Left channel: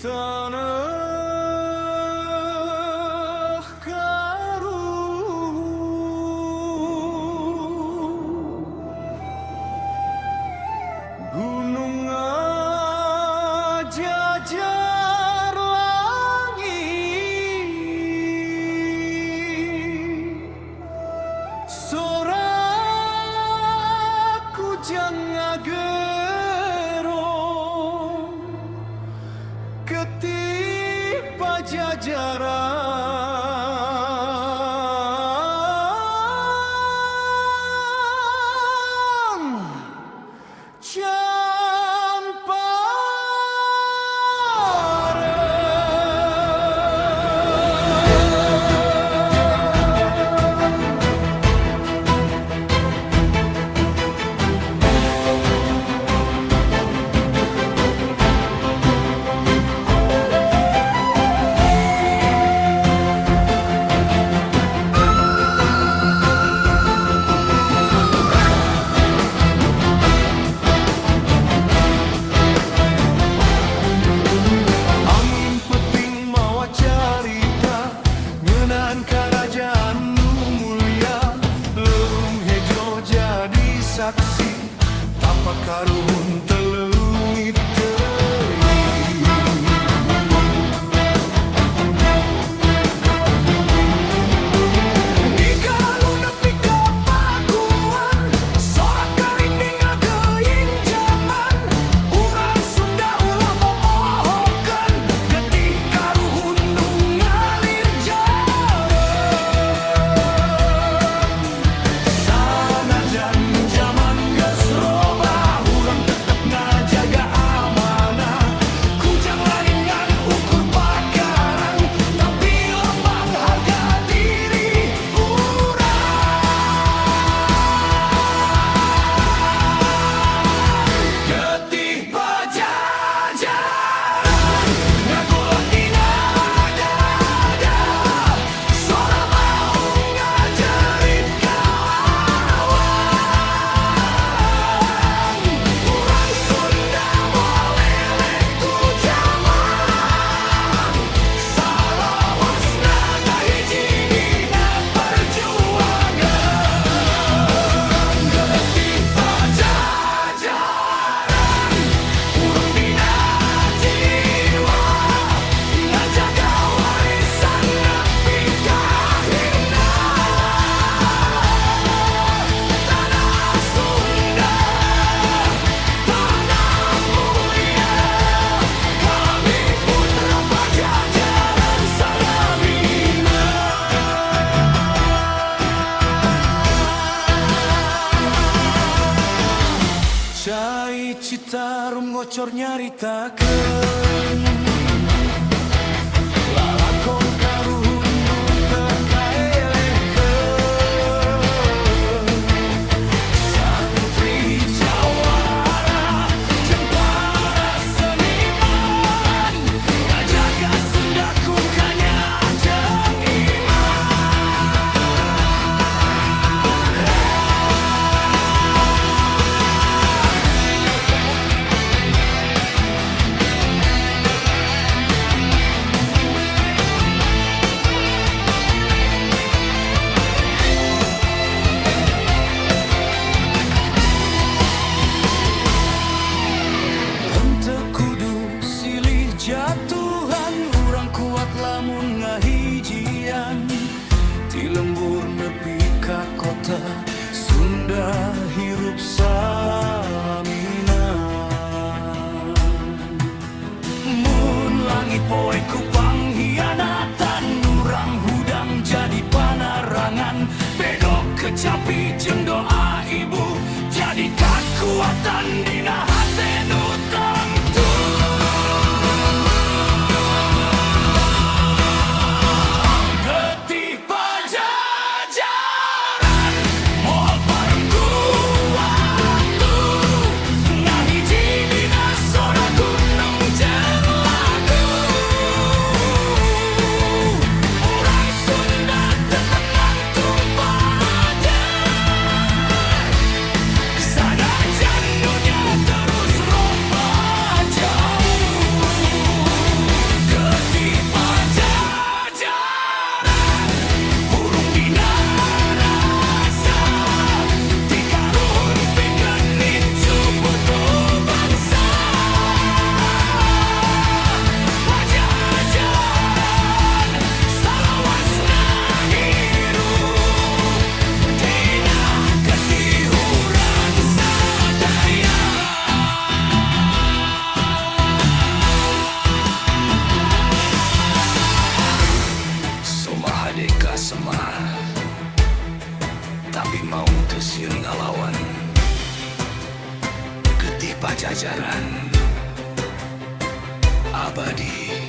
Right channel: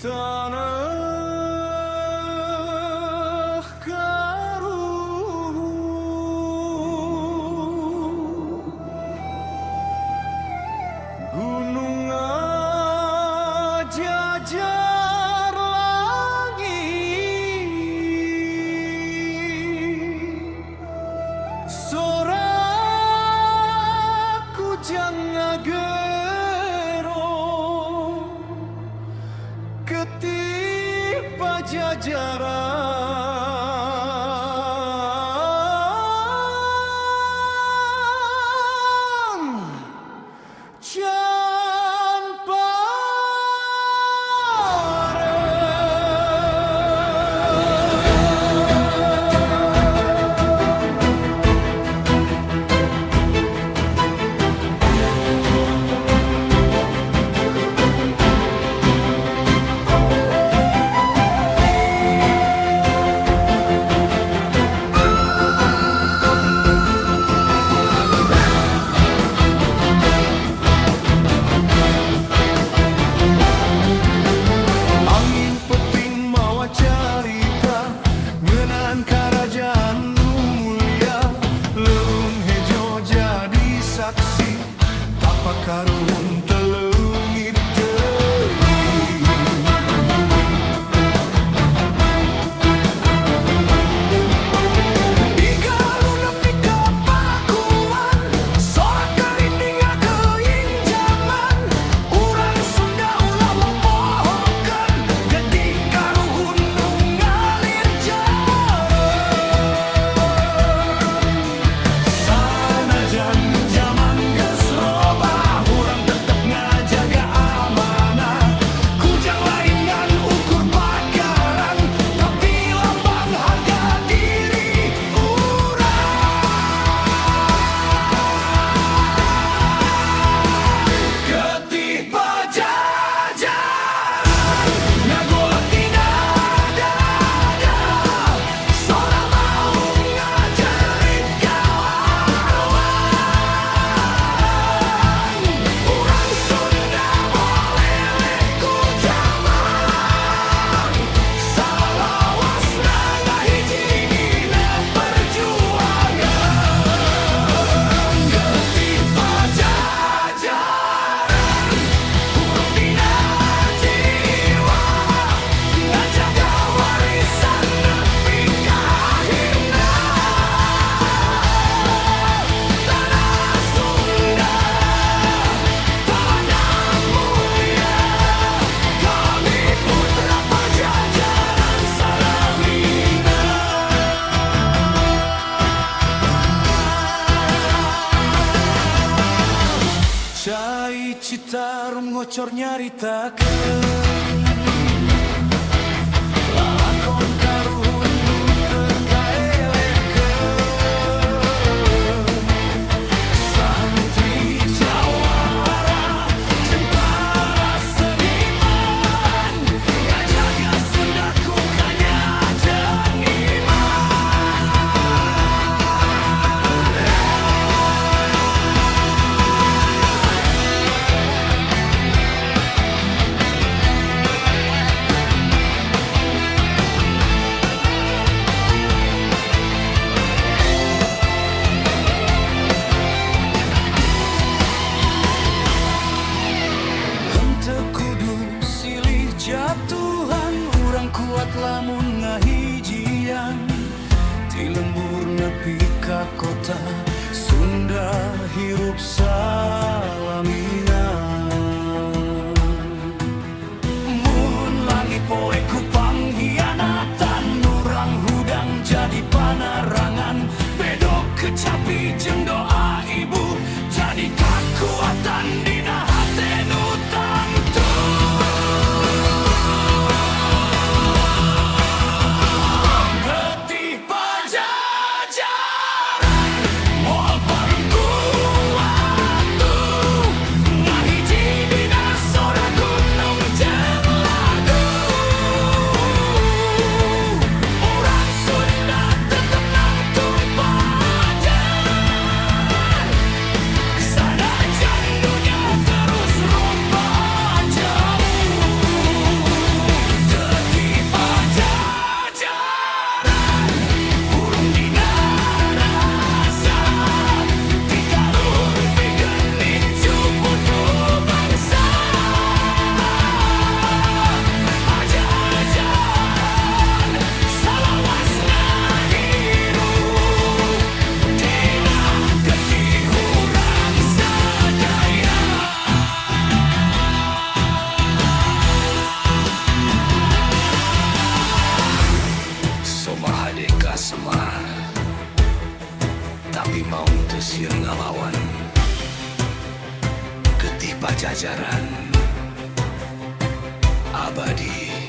tanah Garu, gunung jajar langit, soraku jangan gerong ketip pajajaran can angin peting mawa carita ngeunaan kerajaan nu mulia, leung hejo jadi saksi tapak karuhun teleungit deui. Digalu nepi ka paguan, sorak kalinding ngageuing jaman, urang Sunda ulah mopohokeun getih karuhun nu ngalir jareung. Sanajan jaman geus robah, urang tetep ngajaga amanah, kujang lain ngan ukur pakarang, tapi lambang harga diri urang. Getih pajajaran ngagolak tina dada, sora maung ngajerit kalawang, urang Sunda moleleh ku jaman, salawasna ngahiji dina perjuangan. Getih pajajaran urang dina jiwa, ngajaga warisan nepi ka akhirna, tanah Sunda, tanah mulia, kami putra pajajaran salamina. Cai Citarum ngocor nyaritakeun lalakon karuhun nu teu kaelehkeun, santri jawara jeung para seniman ngajaga Sunda ku kanya jeung iman. Henteu kudu silih jatuhan, urang kuat lamun ngahijian, ti lembur nepi ka kota Sunda hirup salamina. Mun langit poe ku panghianatan, urang hudang jadi panarangan, bedog kecapi jeung doa ibu jadi kekuatan dina hate nu tangtuh. Getih pajajaran moal parem kuatu, ngahiji dina sora gunung jeung lagu, urang Sunda tetep nangtung pajar, sanajan dunya terus rupa mah, tapi mau teu ngalawan getih pajajaran abadi.